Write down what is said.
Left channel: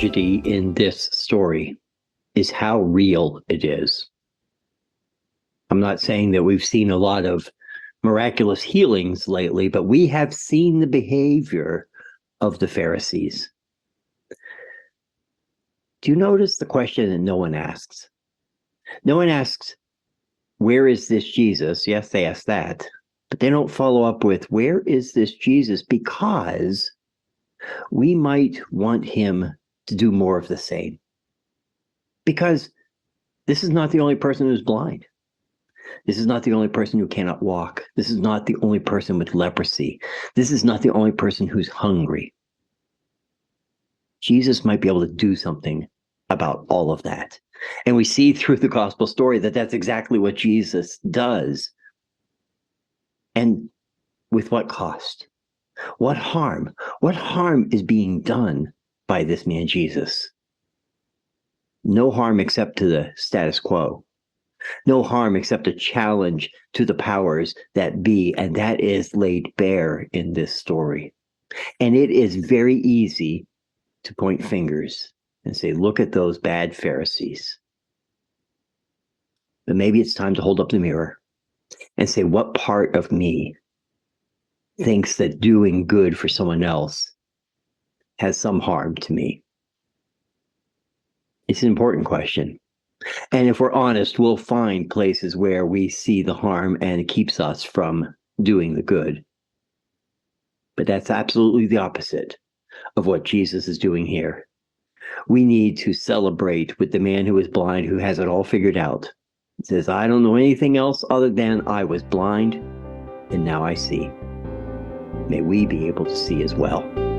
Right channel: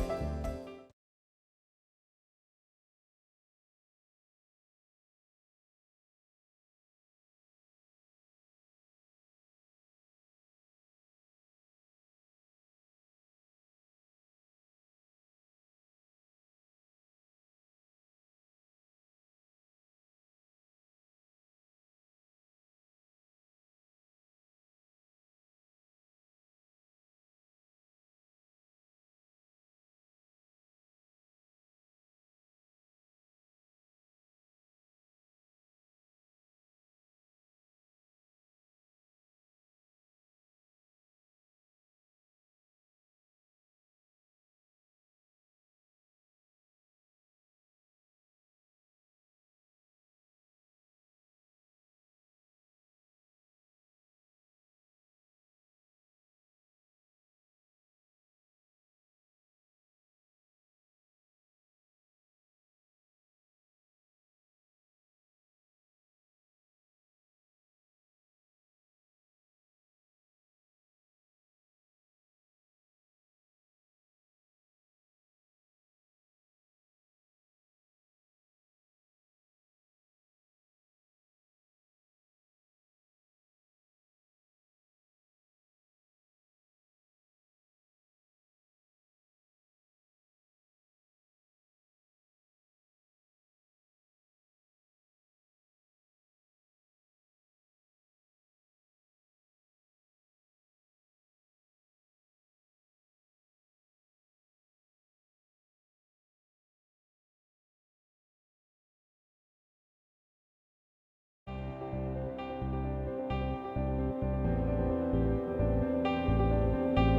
tragedy in this story is how real it is. I'm not saying that we've seen a lot of miraculous healings lately, but we have seen the behavior of the Pharisees. Do you notice the question that no one asks? No one asks, where is this Jesus? Yes, they ask that, but they don't follow up with, where is this Jesus? Because we might want him to do more of the same. Because this is not the only person who's blind. This is not the only person who cannot walk. This is not the only person with leprosy. This is not the only person who's hungry. Jesus might be able to do something about all of that. And we see through the gospel story that that's exactly what Jesus does. And with what cost? What harm? What harm is being done by this man Jesus? No harm except to the status quo. No harm except a challenge to the powers that be, and that is laid bare in this story. And it is very easy to point fingers and say, look at those bad Pharisees. But maybe it's time to hold up the mirror and say, what part of me thinks that doing good for someone else has some harm to me? It's an important question. And if we're honest, we'll find places where we see the harm and it keeps us from doing the good. But that's absolutely the opposite of what Jesus is doing here. We need to celebrate with the man who is blind, who has it all figured out. He says, I don't know anything else other than I was blind and now I see. May we be able to see as well.